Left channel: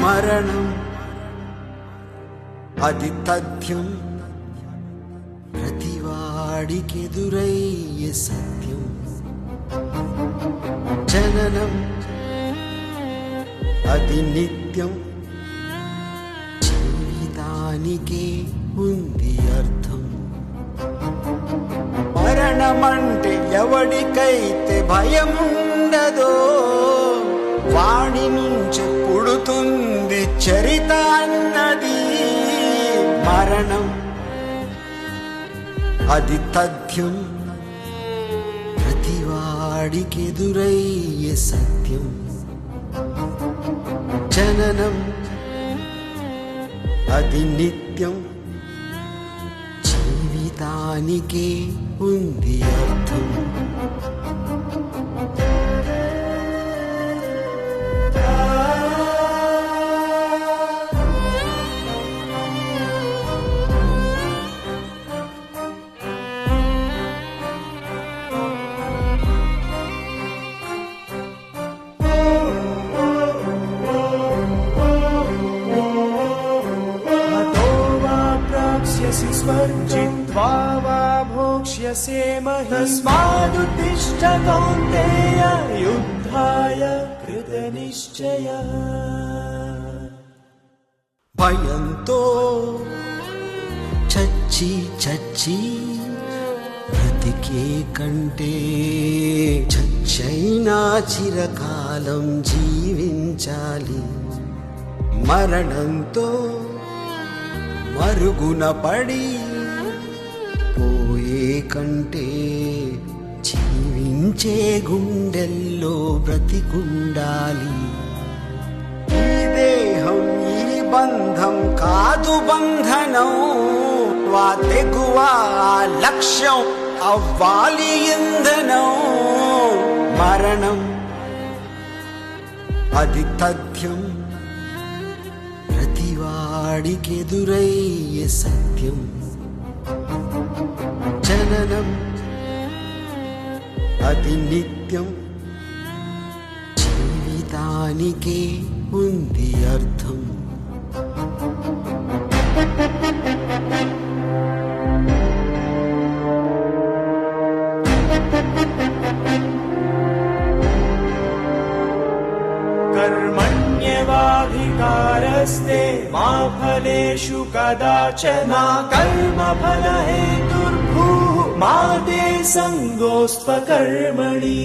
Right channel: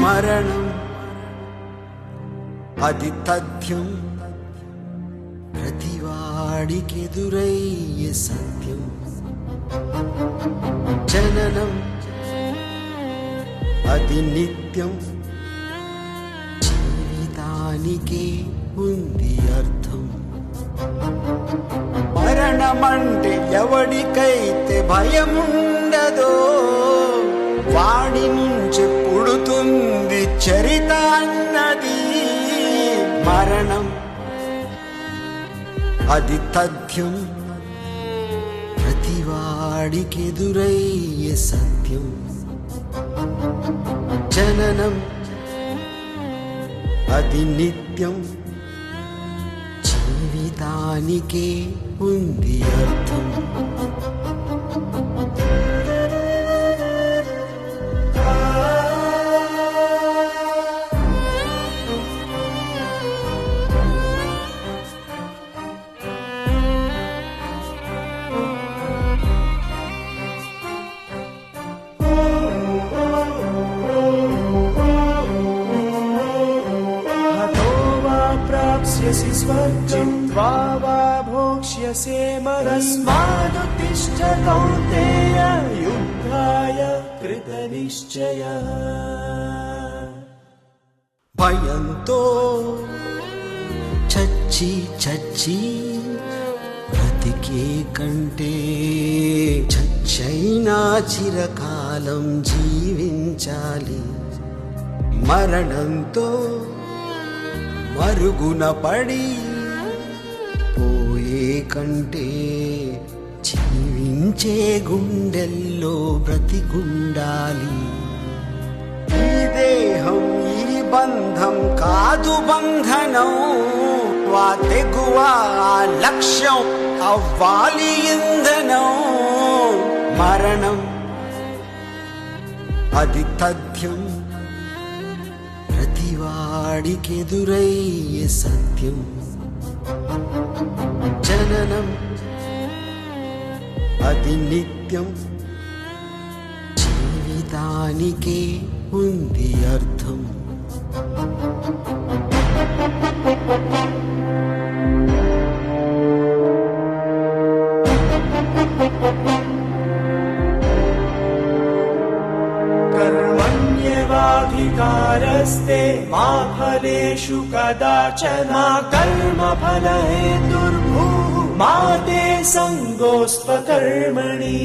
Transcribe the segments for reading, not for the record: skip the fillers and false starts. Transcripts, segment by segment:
మరణం అది తథ్యం, ప్రతివాడికెదురయ్యే సత్యం. జననం అది నిత్యం, జీవితానికే ఉంది అర్థం. మరణమంటే ఎవడికైతే భయముండదో వాడి నుంచి పుడుతుంది చరిత అన్నది. మరణం అది తథ్యం, ప్రతివాడికెదురయ్యే సత్యం. జననం అది నిత్యం, జీవితానికే ఉంది అర్థం. स्वर्जित्वा वा भोक्ष्यसे तस्मादुत्तिष्ठ कौन्तेय युद्धाय कृतनिश्चयः. భయంతో చచ్చి చచ్చి బ్రతికే కంటే చచ్చైనా చిరకాలం జీవించాలి. మరణంతో మరుగున పడి పోయే కంటే జీవించే గుండెల్లో బ్రతికుండాలి. ఈ దేహం ఈ బంధం కాదు బంధనం, వా తెగువ ఆ లక్ష్యం అవ్వాలి ఇంధనం. మరణం అది తథ్యం, ప్రతివాడికెదురయ్యే సత్యం. జననం అది నిత్యం, జీవితానికే ఉంది అర్థం. कर्मण्येवाधिकारस्ते मा फलेषु कदाचन कर्मफलहेतुर्भूः मा ते संगोऽस्त्वकर्मणि.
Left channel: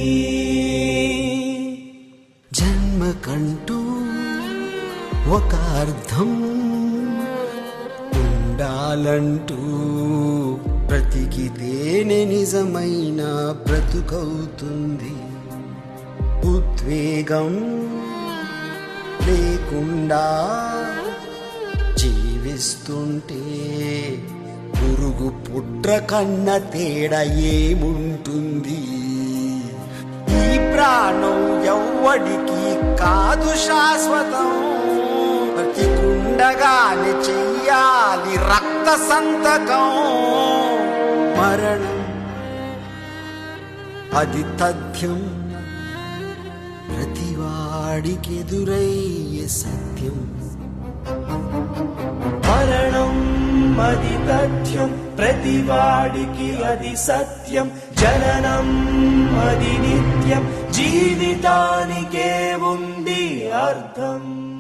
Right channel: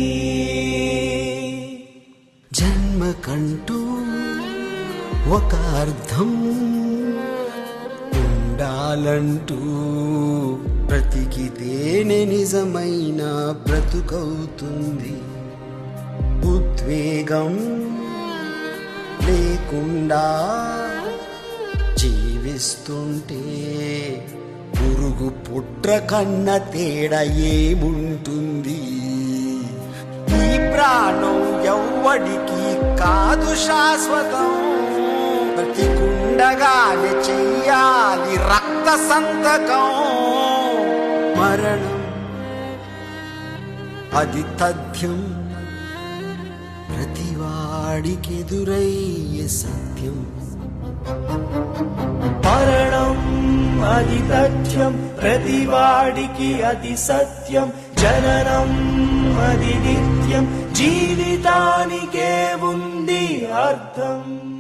జన్మకంటూ ఒక అర్థం ఉండాలంటూ బ్రతికితేనే నిజమైన బ్రతుకవుతుంది. ఉద్వేగం లేకుండా జీవిస్తుంటే పురుగు పుట్ర కన్న తేడా ఏముంటుంది. ఈ ప్రాణం ఎవ్వడికి కాదు శాశ్వతం, బ్రతికుండగానే చెయ్యాలి రక్త సంతకం. మరణం అది తథ్యం, ప్రతివాడికెదురయ్యే సత్యం. మరణం అది తథ్యం, ప్రతివాడికి అది సత్యం. జననం అది నిత్యం, జీవితానికే ఉంది అర్థం.